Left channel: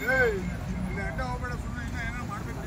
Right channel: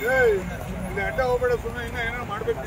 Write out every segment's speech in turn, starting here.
ಇಲ್ಲಿ ಅಡ್ಡ ಹೋಗ್ಬೇಡ, ಸುಮ್ಮನೆ ಇನ್ನ ಏನೋ ಮಾಡ್ಬೇಕು.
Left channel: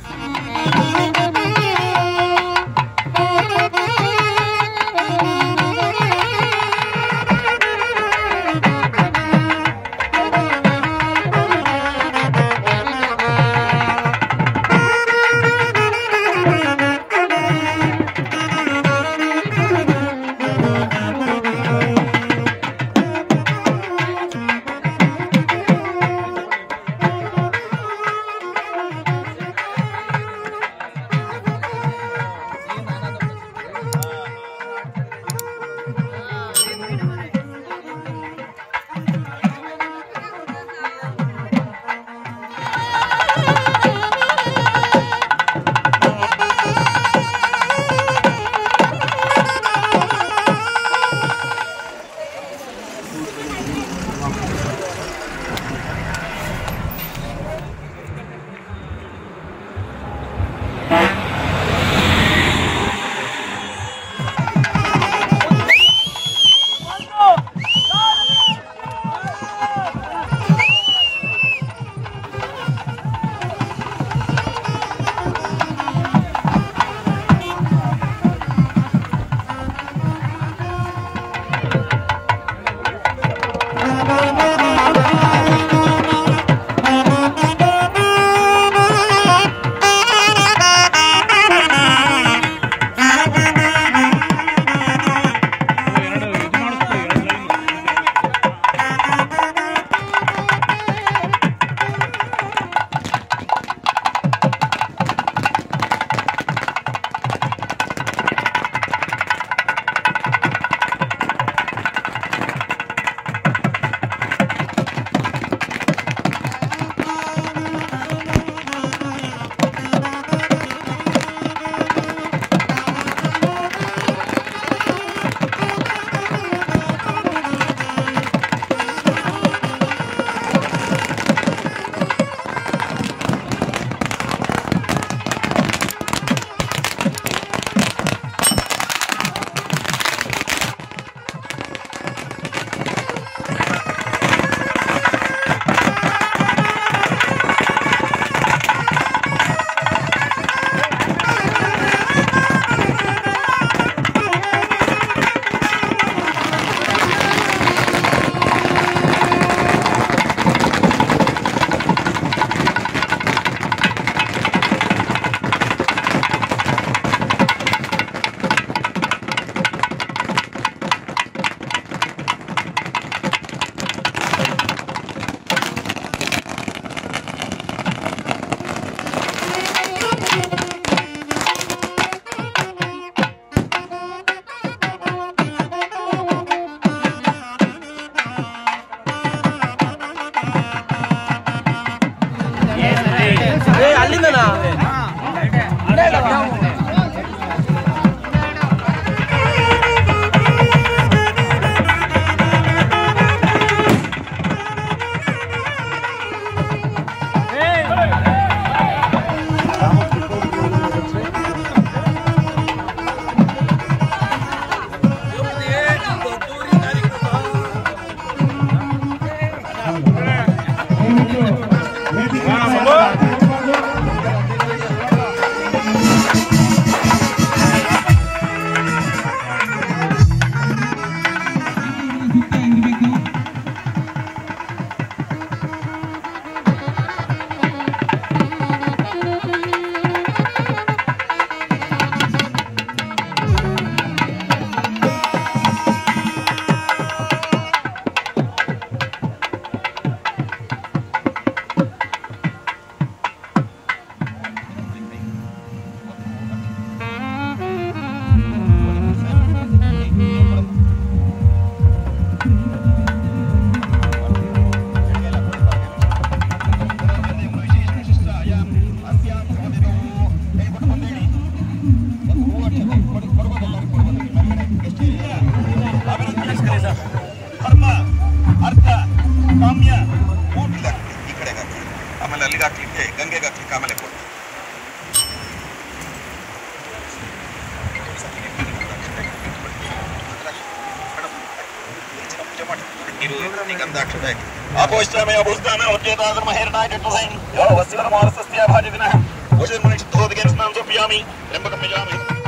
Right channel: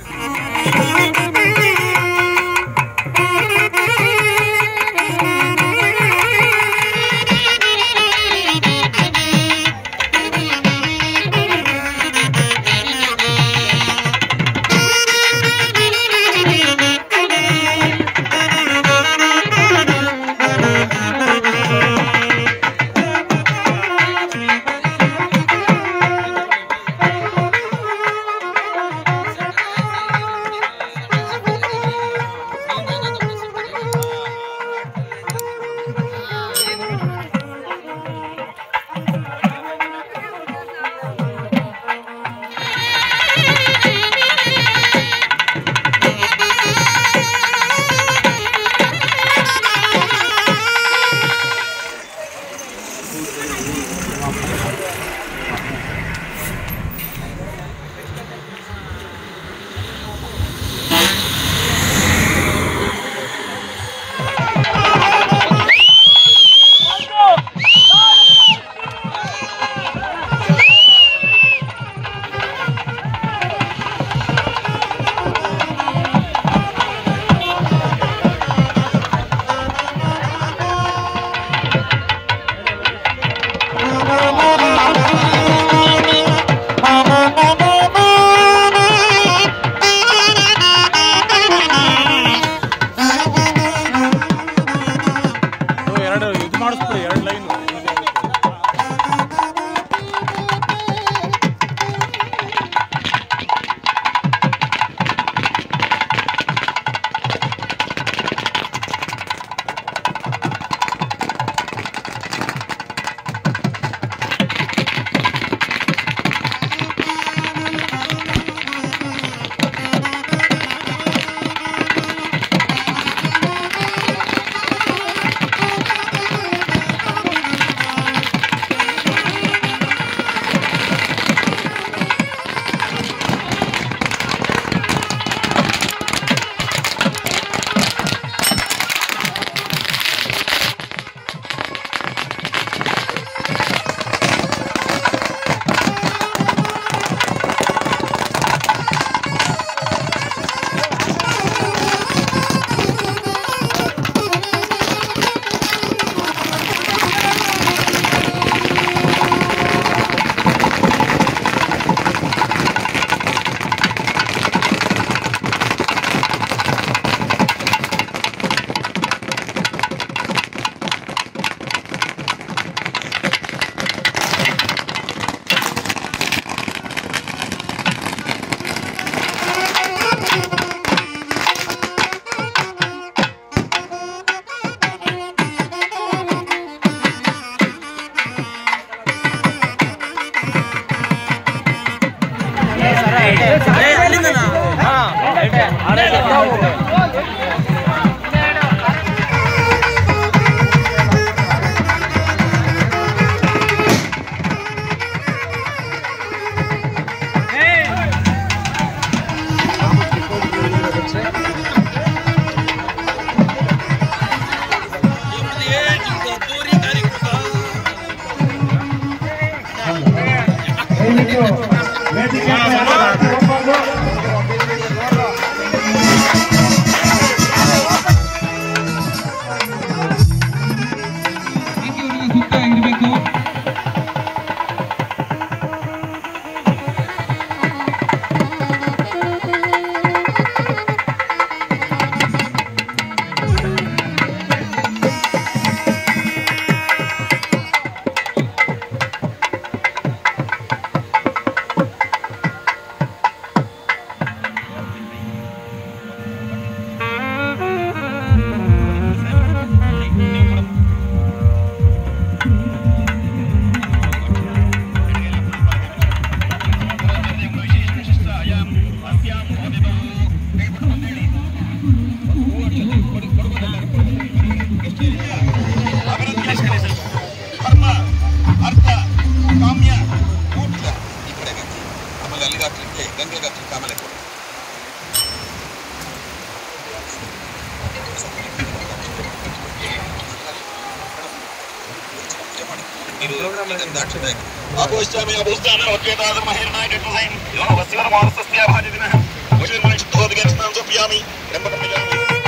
ಇದು ಗಂಧಾಕ್ಷತೆ أبوستامي أبوستامي وكذا هذا المهير نايت الحسين لو وسيلة مارس استياب هذه منها وجه من شد هذا جنس نانزو بيامي لما كم بيامي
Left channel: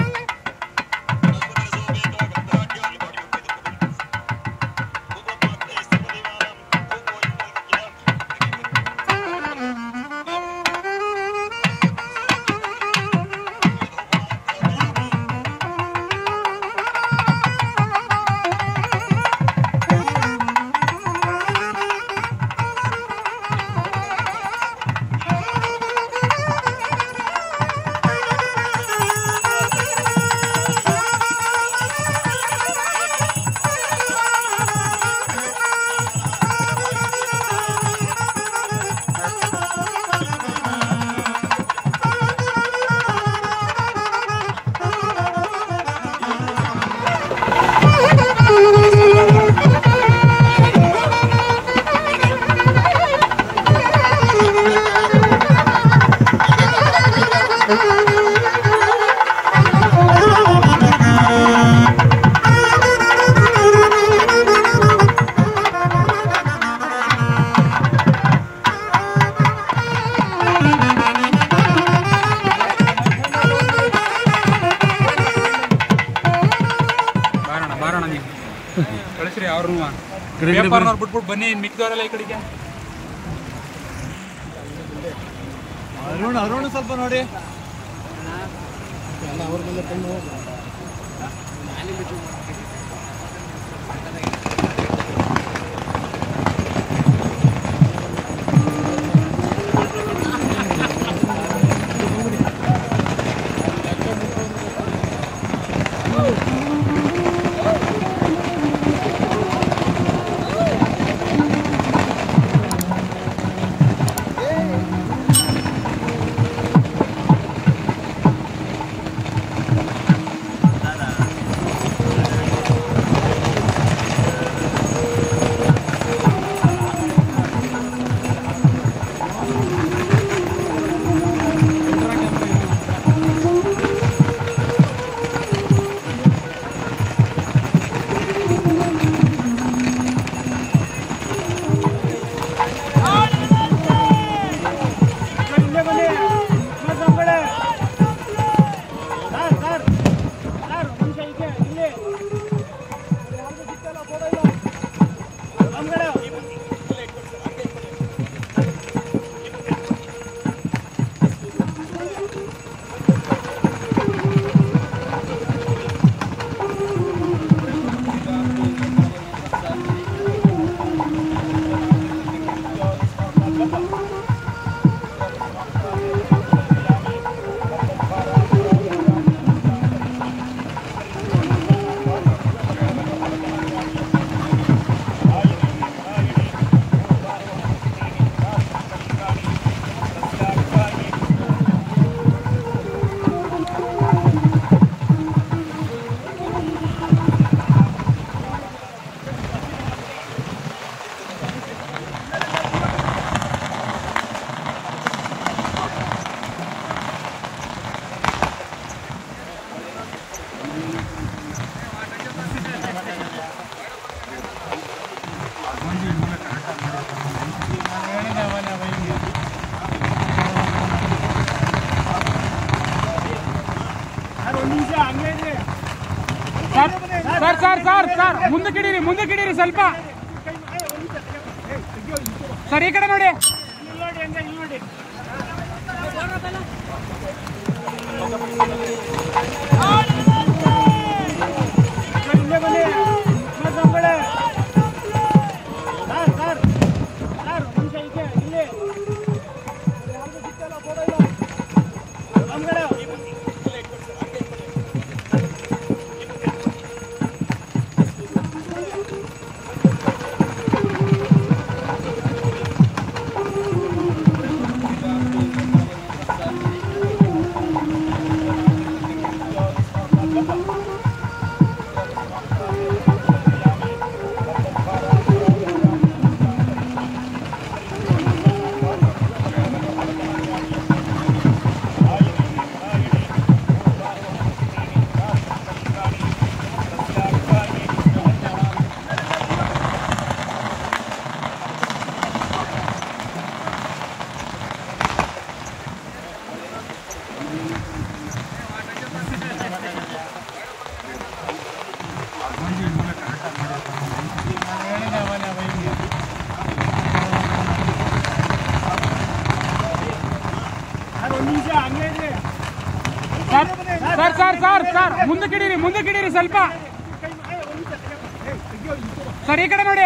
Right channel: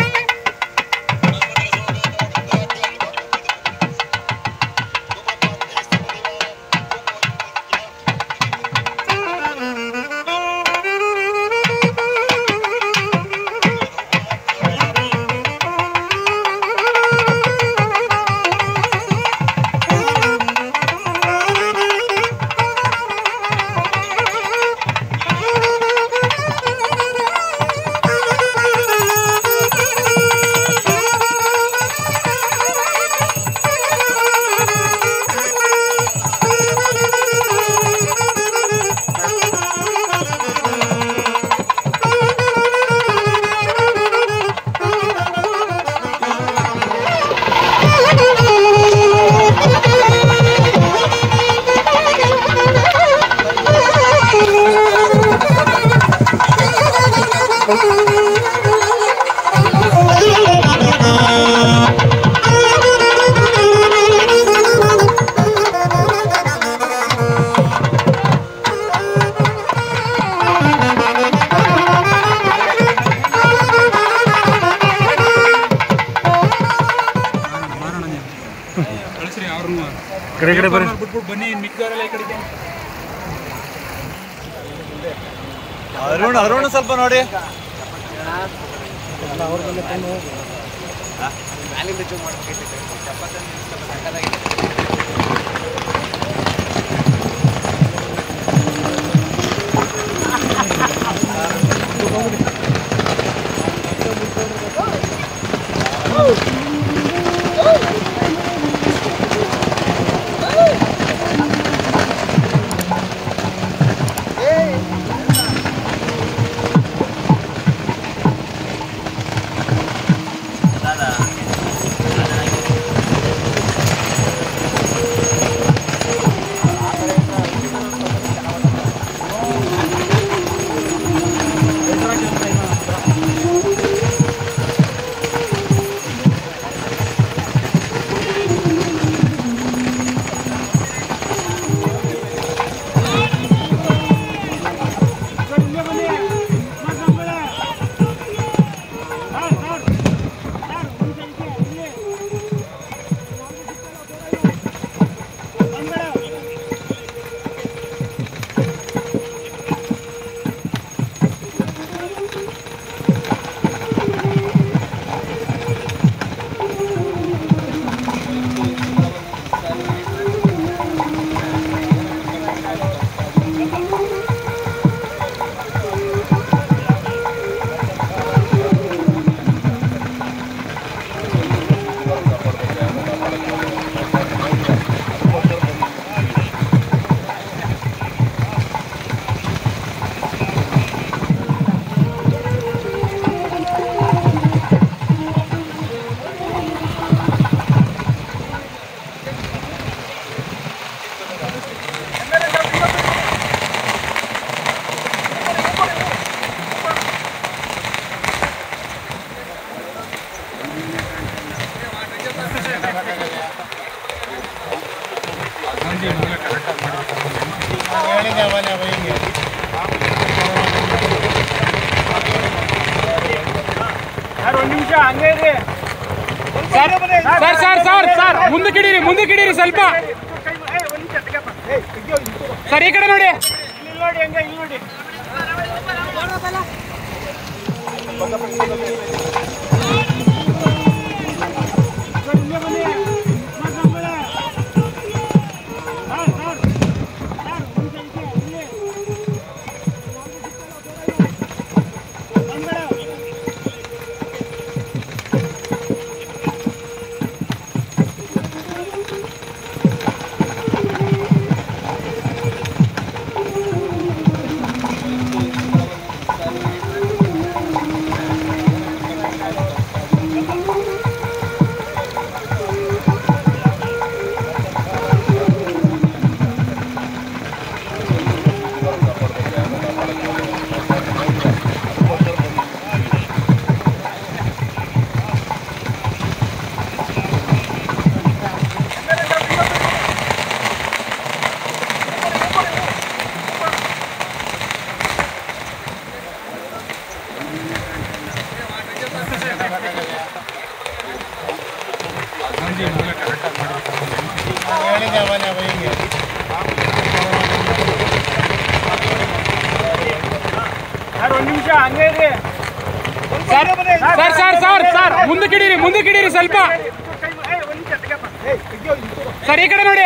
ಬಿಟ್ಬಿಟ್ಟು ಬನ್ನಿ ಮಿಕ್ಕಿದವರೆಲ್ಲ ಈ ಕಡೆಗೆ ಅರುಣ್ ಸ್ವಲ್ಪ ನೋಡಿ ಮುಂದಕ್ಕೆ ಇಡೀರಿ ಸ್ವಲ್ಪ ಸರ್ ಈ ಕಡೆ ನೋಡಿ ಸರ್ ಮುಂದಕ್ಕಿಡೀರಿ ಸ್ವಲ್ಪ ಸರ್ ಈ ಕಡೆ ನೋಡಿ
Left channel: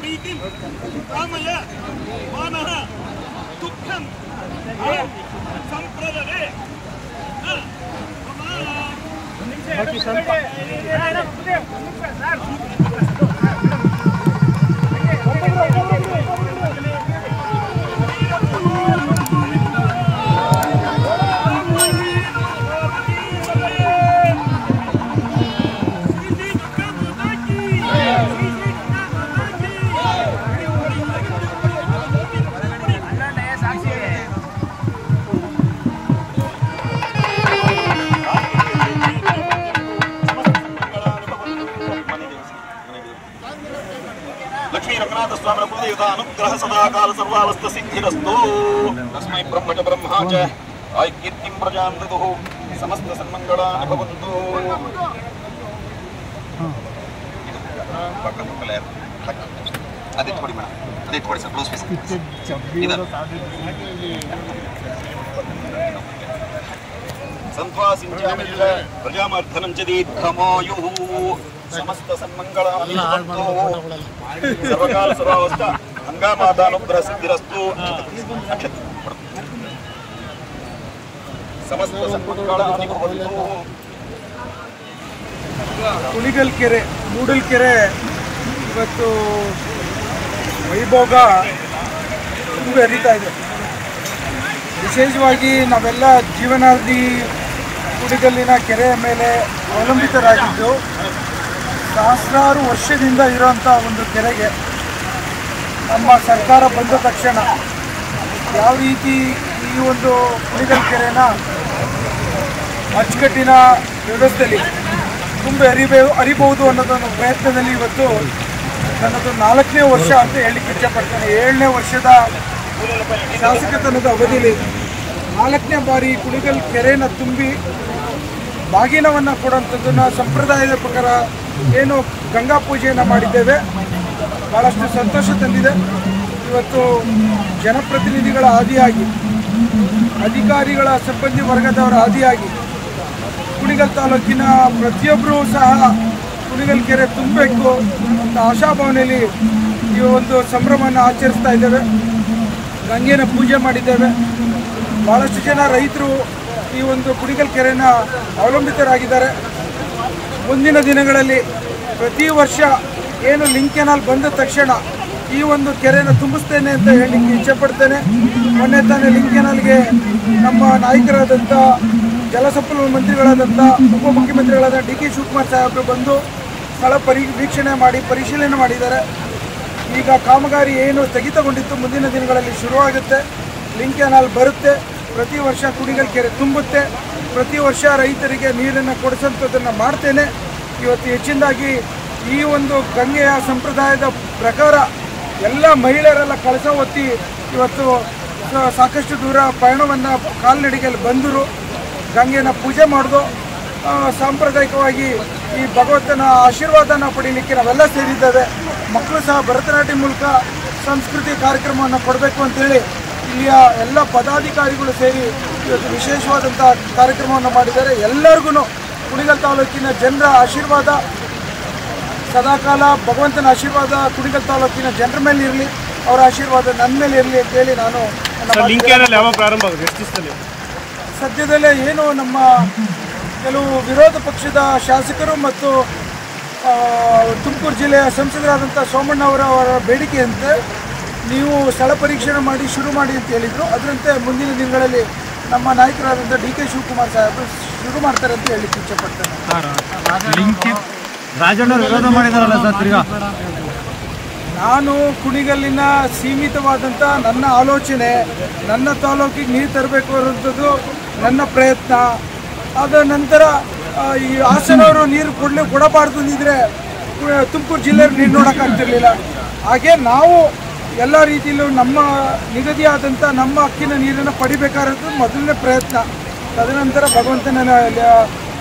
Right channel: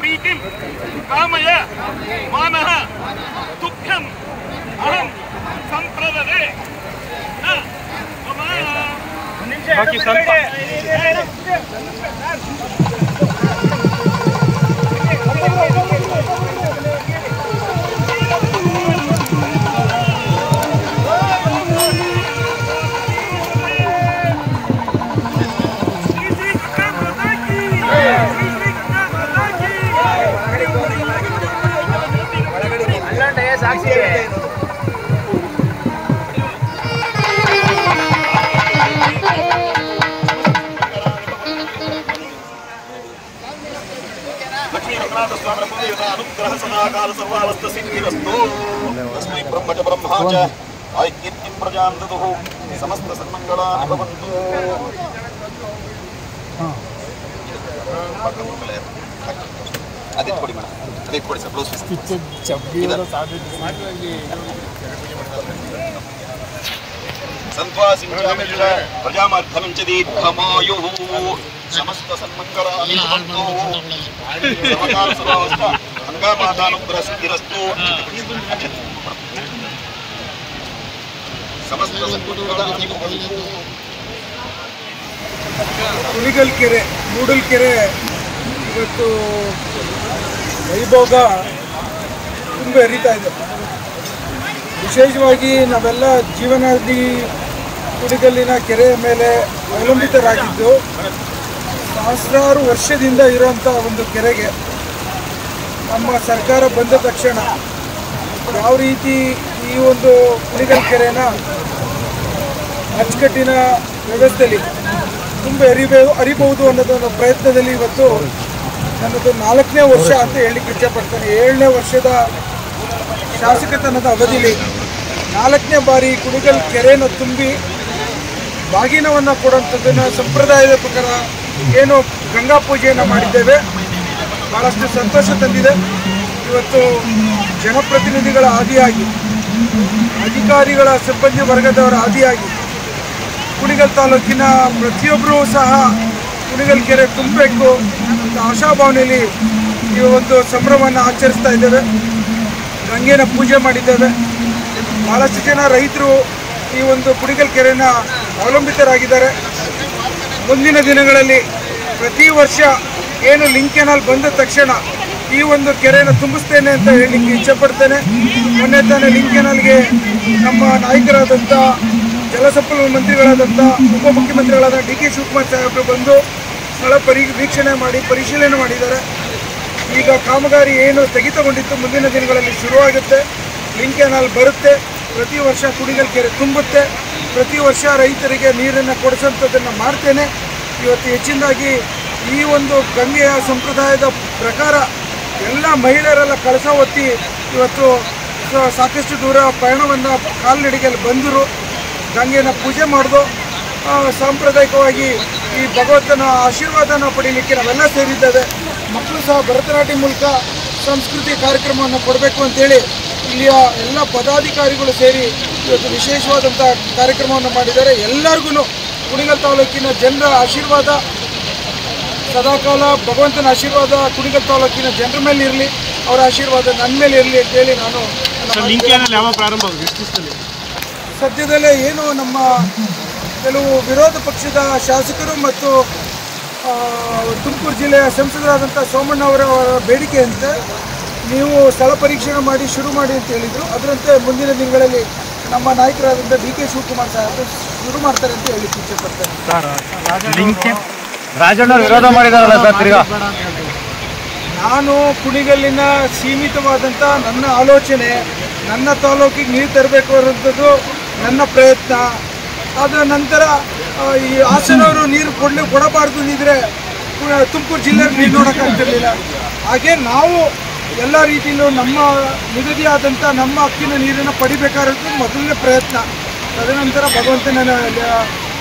प्रीतिम कामय मानः दुःखम् अहं संप्रददे न मम बाकी ಸ್ವಲ್ಪ लक्ष्मी रघुनाथ स्वामी कुलदेवता अनुग्रह सदाकाल सर्वावस्थ सिद्धिरस्तु तस्मै ब्रह्म च ब्रह्मा च ऐक्यं प्रजां ददुः समस्त सन्मंगलानि भवन्तु अदित कोडी ಮೇಡಂ अदित कोडी सर ब्लाउज पीस संत्वासिंचामिष प्रजामर्धनं च दीर्घमायुः समस्त सन्मंगलानि भवन्तु सर्वकाल सर्वावस्था गंगामातानुग्रह सिद्धिरस्तु समस्त सन्मंगलानि भवन्तु ಕುಣಿಗಲ್ಕೆರೆ ಮೂಡಲ್ಕೆರೆ ಇವತ್ತು ವೈಭೋಗ ತುಂಬ ಹರಿತಾ ಇದೆ. ವಿಶೇಷವಾಗಿ ನಾವೆಲ್ಲ ಜೀವನಾದಿ ಕುಣಿಗಲ್ಲಿನ ಕೆರೆಯ ಮೇಲೆ ಅವಲಂಬಿತರಾಗಿದ್ದು ಸಹಸ್ರಾರು ವರ್ಷದಿಂದ ಇರೋಂಥ ಒಂದು ಕೆರೆಗೆ ನಮ್ಮ ಸರ್ಕಾರ ಬಂದ ತಕ್ಷಣ ಯಾವ ರೀತಿ ಈ ಒಂದು ಕುಣಿಗಲ್ ಕೆರೆನ ಅಚ್ಚುಕಟ್ಟಿನ ವ್ಯವಸ್ಥೆಯಲ್ಲಿ ತುಂಬ ಅರಿಬಹುದು ಅನ್ನೋದೊಂದು ಪ್ರಯತ್ನದಲ್ಲಿ ಇವತ್ತು ನನ್ನದು 4ನೇ ವರ್ಷ ಅಂತ ಹೇಳಲಿಕ್ಕೆ ಇಚ್ಛೆಪಡ್ತೇನೆ. 7ನೇ ವರ್ಷದ ಶಾಸಕತನದ ಅವಧಿಯಲ್ಲಿ 4ನೇ ಬಾರಿ ಕುಣಿಗಲ್ ಕೆರೆಯನ್ನು ತುಂಬಿ ಬಾಗಿನವನ್ನು ಕೊಡುವಂಥದ್ದನ್ನು ಸಂಪ್ರದಾಯದ ಪ್ರಕಾರ ಏನು ಗಂಗಾ ಪೂಜೆಯನ್ನು ಮಾಡಿದ್ದೇವೆ. ಭಾಳಷ್ಟು ಸಂತೋಷ ತಂದಿದೆ. ಇವತ್ತು ಜನಪ್ರತಿನಿಧಿಗಳ ಆದಿಯಾಗಿ ಅಧಿಕಾರಿಗಳ ಸಿಬ್ಬಂದಿ ವರ್ಗದವರ ಆದಿಯಾಗಿ ಕುಣಿಗಲ್ ತಾಲೂಕಿನ ಪ್ರತಿಯೊಬ್ಬರೂ ಸಹ ಕುಣಿಗಲ್ ಕೆರೆ ತುಂಬಬೇಕು ಅಂತ ಆಶಾಭಾವನೆಯಲ್ಲಿ ಈ ಒಂದು ಸಂಭ್ರಮವನ್ನು ಆಚರಿಸ್ತಾ ಇದ್ದೇವೆ. ಗಂಗೆನ ಪೂಜೆ ಮಾಡಿದ್ದೇವೆ. ಭಾಳಷ್ಟು ಜನ ರೈತರು ಈ ಒಂದು ಕುಣಿಗಲ್ ಕೆರೆನ ಅವಲಂಬಿತರಾಗಿದ್ದಾರೆ. ಮುಂದಿನ ದಿನಗಳಲ್ಲಿ ಪ್ರತಿ ವರ್ಷ ಏನು ಲಿಂಕ್ ಕೆನಾಲ್ ಬಂದ ತಕ್ಷಣ ಈ ಒಂದು ಕೆರೆನ ತುಂಬಿಸ್ತೇನೆ ಅಂತ ಹೇಳಲಿಕ್ಕೆ ಇಚ್ಛೆಪಡ್ತೇನೆ. ಮೊನ್ನೆ ತಾನೇ ಲಿಂಕ್ ಕೆನಾಲ್ಗೆ ನಮ್ಮ ನಾಯಕರಾದಂಥ ಜಲಸಂಪನ್ಮೂಲ ಮಂತ್ರಿಗಳಾದಂಥ ಉಪಮುಖ್ಯಮಂತ್ರಿಗಳಾದ ಡಿ ಕೆ ಶಿವಕುಮಾರ್ ಸಾಹೇಬರು ಬಂದು ಸ್ಥಳ ವೀಕ್ಷಣೆ ಮಾಡಿ ಪರಿಶೀಲನೆ ಮಾಡಿದ್ದಾರೆ. ಈಗ ಕಾಮಗಾರಿ ಏನು ಸ್ಥಗಿತಗೊಂಡಿತ್ತು ಮುಂದಿನ ದಿನಗಳಲ್ಲಿ ಶುರುವಾಗುತ್ತೆ. ಲಿಂಕ್ ಕೆನಾಲ್ ಬರುತ್ತೆ. ಪ್ರತಿ ವರ್ಷ ಕುಣಿಗಲ್ ಕೆರೆ ತುಂಬುತ್ತೆ. ಪ್ರತಿ ವರ್ಷ ರೈತರಿಗೆ ನೀರನ್ನು ಕೊಡಿಸೋಂಥದ್ದನ್ನು ಮಾಡ್ತೇನೆ. ಇವತ್ತು ಹೆಚ್ಚಿನದಾಗಿ ಈ ಒಂದು ಗಂಗೆಯ ಸಂಪ್ರದಾಯದ ಪ್ರಕಾರ ಎಲ್ಲ ಮಹಿಳೆಯರೆಲ್ಲ ಕಳಸ ಹೊತ್ತಿ ಇವತ್ತು ಸಾಕಷ್ಟು ದೂರ ಪಯಣವನ್ನು ಕಾಲ್ನಡಿಗೆಯಲ್ಲಿ ಬಂದರು. ಗಂಗೆನ ಪೂಜೆ ಮಾಡಿದು ಸಾಂಪ್ರದಾಯಿಕವಾಗಿ ಈ ಭಗವಂತನ ಆಶೀರ್ವಾದನ ಪಡೀಲಿಕ್ಕೆ ನಾವೆಲ್ಲ ಸೇರಿದ್ದೇವೆ. ಮಕ್ಕಳು ಸಹ ಭರತನಾಟ್ಯ ಮೂಲಕ ಸಂಸ್ಕೃತಿ ಕಾರ್ಯಕ್ರಮವನ್ನು ಕೊಡಬೇಕು ಅಂತೇಳಿ ಇಲ್ಲಿಯ ಎಲ್ಲ ಪದಾಧಿಕಾರಿಗಳು ಸೇರಿ ಇವತ್ತು ವಿಶೇಷವಾದಂಥ ಕಾರ್ಯಕ್ರಮವನ್ನು ಮಾಡಿದ್ದಾರೆ. ಎಲ್ಲರಿಗೂ ಕುಣಿಗಲ್ ತಾಲೂಕಿನ ಜನರ ಆಶೀರ್ವಾದ ಸದಾಕಾಲ ಭಗವಂತನ ಆಶೀರ್ವಾದ ಕುಣಿಗಲ್ ತಾಲೂಕಿನ ಜನರ ಮೇಲೆ ಇರಲಿ, ಅವರ ಆಶೀರ್ವಾದ ನನ್ನ ಮೇಲೆ ಇರಲಿ ಅಂತೇಳಿ ನಾನು ಸದ್ಯದಲ್ಲೇ ಏನು ನಮ್ಮ ಕೆಲವು ವಿರೋಧ ಪಕ್ಷದ ಶಾಸಕರು ಮತ್ತು ತುಮಕೂರು ಜಿಲ್ಲೆಯ ಸಂಸದರಾದಂಥ ಸೋಮಣ್ಣ ಅವರ ಬೇಡಿಕೆಯಂತೆ ನೀವು ಸ್ಥಳ ಪರೀಕ್ಷಣೆ ಮಾಡಿ ಶುರು ಮಾಡಿ ಅಂತ ಹೇಳಿದರು. ಅದರಂತೆ ಮುಂದಿನ ದಿನಗಳಲ್ಲಿ ನಮ್ಮ ನಾಯಕರಾದಂಥ ಡಿ ಕೆ ಶಿವಕುಮಾರ್ ಸಾಹೇಬರು ಶುರು ಮಾಡ್ತಾರೆ ಅಂತ ಹೇಳಲಿಕ್ಕೆ ಇಚ್ಛೆಪಡ್ತೇನೆ. ರಾಜಣ್ಣ ವಿರೋಧ ಮಾಡಿದಾರಲ್ಲ ಸರ್ ತಿರ್ಗಾ ನಾನು ಕುಣಿಗಲ್ಲಿನ ಸೀಮಿತವಾದಂಥ ನನ್ನ ಆಲೋಚನೆ ನನ್ನ ತಾಲೂಕಿಗೆ ನೀರು ತರಬೇಕು ಅನ್ನೋಂಥದ್ದು ನನ್ನ ಪ್ರಯತ್ನ. ಆದ ನಂತರ ಈ ಹಾಸನವರು ನೀರು ಕೊಡಬಾರ್ದು ಅಂದಿದ್ರೆ ತುಮಕೂರು ಜಿಲ್ಲೆಯಲ್ಲಿ ನೀರು ನೋಡೋಕ್ಕಾಗ್ತಿರ್ಲಿಲ್ಲ. ಹಾಗೆ ನಾವು ಎಲ್ಲ ರೀತಿಯಲ್ಲೂ ನಮ್ಮ ನಿಗದಿಯಾದಂಥ ನಮ್ಮ ಹಕ್ಕಿನ ನೀರನ್ನು ಪಡಿಬೇಕಾಗಿರೋದು ಮೊದಲನೇ ಪ್ರಯತ್ನ. ತದನಂತರ ಭಗವಂತನ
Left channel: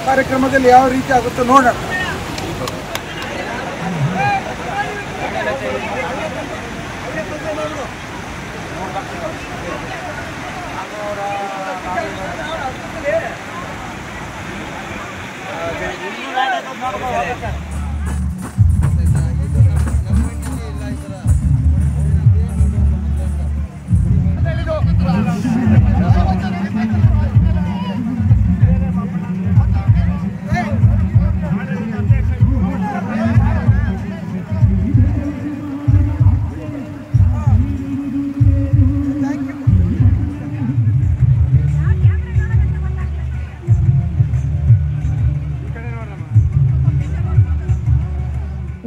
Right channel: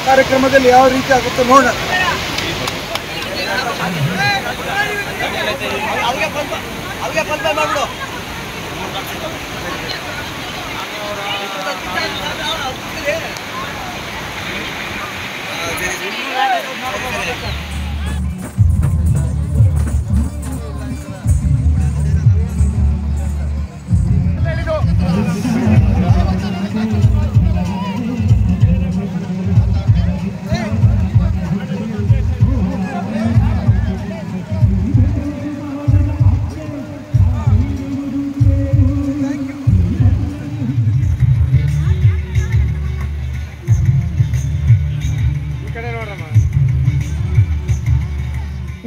ಕಾರ್ಯಕ್ರಮದಲ್ಲಿ ಯಾವ ರೀತಿ ಆಗುತ್ತೋ ನೋಡೋಣ.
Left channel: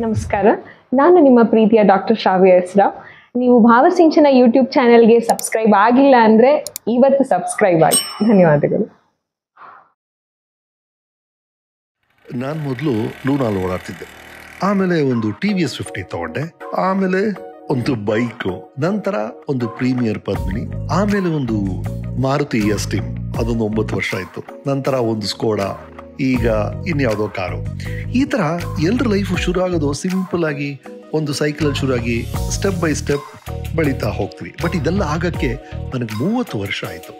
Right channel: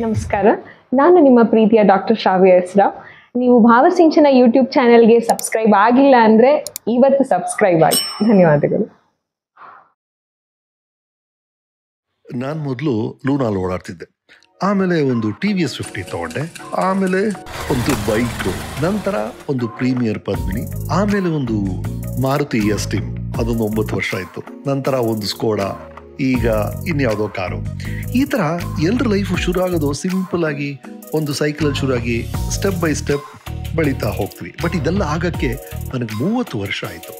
ನಮಸ್ಕಾರ, ನಾನು ನಿಮ್ಮ ಪ್ರೀತಿಯ ಡಾಕ್ಟರ್ ಶ್ರಾವ್ಯ ಎಸ್ ರಾವ್. ನೀವು ಭಾವಸಿಂಚನ ಯೂಟ್ಯೂಬ್ ಚಾನೆಲ್ಗೆ ಸಬ್ಸ್ಕ್ರೈಬ್ ಆಗಿಲ್ಲ ಅಂದರೆ ಇವತ್ತು ಸಬ್ಸ್ಕ್ರೈಬ್ ಆಗಿ. ಧನ್ಯವಾದಗಳು. ನಾನು ಮೊದಲು ಲೂನಾಲ್ ಓಡಾಡ್ತಿದ್ದೆ, ಆಮೇಲೆ ಒಂದು TVS 50 ತೊಗೊಂಡೆ, ಆಮೇಲೆ ಒಂದು ಬೈಕು, ನಂತರ ಒಂದು ಪ್ರೀಮಿಯರ್ ಪದ್ಮಿನಿ, ಆಮೇಲೆ ಒಂದು ಮಾರುತಿ ಎಸ್ಟೀಮ್, ಅದೊಂದು 9 ವರ್ಷ ಆಯಿತು. ನಂತರ ಒಂದು ಸ್ಕೋಡಾ, ಈಗ ಇನ್ಯಾವುದೋ ಕಾರು. ಈ ಥರ ಎಲ್ಲರ ಲೈಫು ಶುರು ಆಗೋದು ಸಿಂಪಲ್ ಆಗಿ ಒಂದು ಸೈಕಲಲ್ಲಿ ಶುರುವಾಗಿ ಸ್ಟೆಪ್ ಬೈ ಸ್ಟೆಪ್ ಬೆಳೀತಾ ಹೋಗ್ತೀವಿ. ಬಟ್ ಇದೆಲ್ಲ ಆಗೋಕ್ಕೆ ನನಗೆ 30 ವರ್ಷ ಆಯಿತು.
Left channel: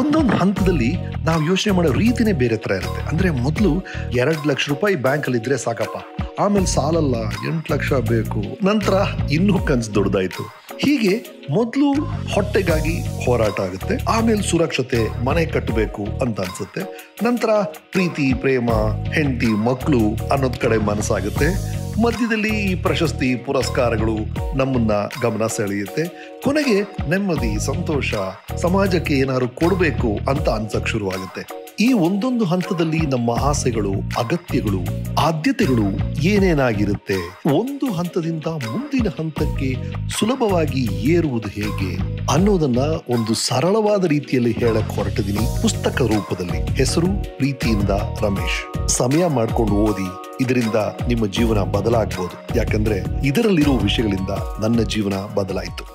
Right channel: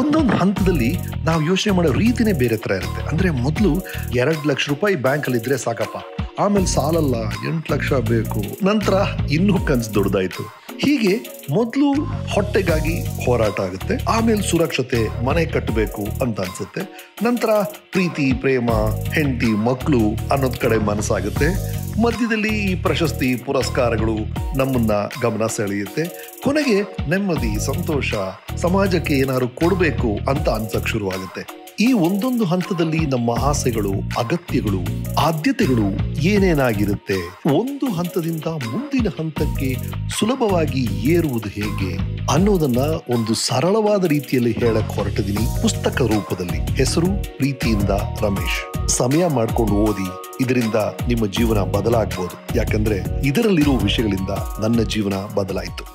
ಒಂದೊಂದು ಹಂತದಲ್ಲಿ ನಾವು ಯೋಚನೆ ಮಾಡೋ ರೀತಿನೇ ಬೇರೆ ಥರ ಇರುತ್ತೆ. ಅಂದರೆ ಮೊದಲು 2 ಲಕ್ಷ ರೂಪಾಯಿ ಬ್ಯಾಂಕಲ್ಲಿದ್ದರೆ ಸಾಕಪ್ಪ, ಆಮೇಲೆ ಸಾಲಲ್ಲ 8 ಲಕ್ಷ ಬೇಕು, ನಂತರ ಇನ್ನೂ ಕನಸು ದೊಡ್ಡದಾಯಿತು. ಹೀಗೆ ಮೊದಲು ಹೊಟ್ಟೆಗಾಗಿ ಹೋರಾಟ ಆಗುತ್ತೆ, ಆಮೇಲೆ ಸುರಕ್ಷತೆ, ಮನೆ ಕಟ್ಟಬೇಕು ಅಂತ ಅನ್ಸುತ್ತೆ, ನಂತರ ಪ್ರೀತಿ, ಪ್ರೇಮ, ಹೆಂಡತಿ, ಮಕ್ಕಳು ಅನ್ನೋದ್ ಕಡೆ ಮನಸ್ಸಾಗುತ್ತೆ, ಮಧ್ಯದಲ್ಲಿ ಈ ಪ್ರಶಸ್ತಿ, ಪುರಸ್ಕಾರಗಳು ನಮ್ಮನ್ನ ಗಮನ ಸೆಳೆಯುತ್ತೆ, ಕೊನೆಗೆ ನೆಮ್ಮದಿ, ಸಂತೋಷ, ಸಮಾಜಕ್ಕೆ ಏನಾದ್ರು ಕೊಡಬೇಕು ಅಂತ ಅನ್ಸಕ್ ಶುರುವಾಗುತ್ತೆ. ಈ ಒಂದೊಂದು ಹಂತದಲ್ಲಿ ನಮ್ಮ ಆಸೆಗಳು, ಅಗತ್ಯಗಳು, ಆದ್ಯತೆಗಳು ಏನೇನಾಗಿರುತ್ತೆ, ಒಂದು ಹಂತದಿಂದ ಮುಂದಿನ ಹಂತಕ್ಕೆ ಸುಲಭವಾಗಿ ಏರುವುದು ಹೇಗೆ ಅನ್ನೋದನ್ನ ಒಂದು ಸರಳವಾದ ರೀತಿಯಲ್ಲಿ ಹೇಳಕ್ ಹೊರಟಿದ್ದೀನಿ ಪುಸ್ತಕ ರೂಪದಲ್ಲಿ. ಹೆಸರು ಪ್ರೀತಿಯಿಂದ ರಮೇಶ್. ಸಮಯ ಮಾಡ್ಕೊಂಡು ಓದಿ, ಇದರಿಂದ ನಿಮ್ಮ ಜೀವನ ಬದಲಾಗಬಹುದು. ಯಾಕಂದ್ರೆ ಇದರಲ್ಲಿರೋ ವಿಷಯಗಳಿಂದ ನನ್ನ ಜೀವನ ಬದಲಾಯಿತು.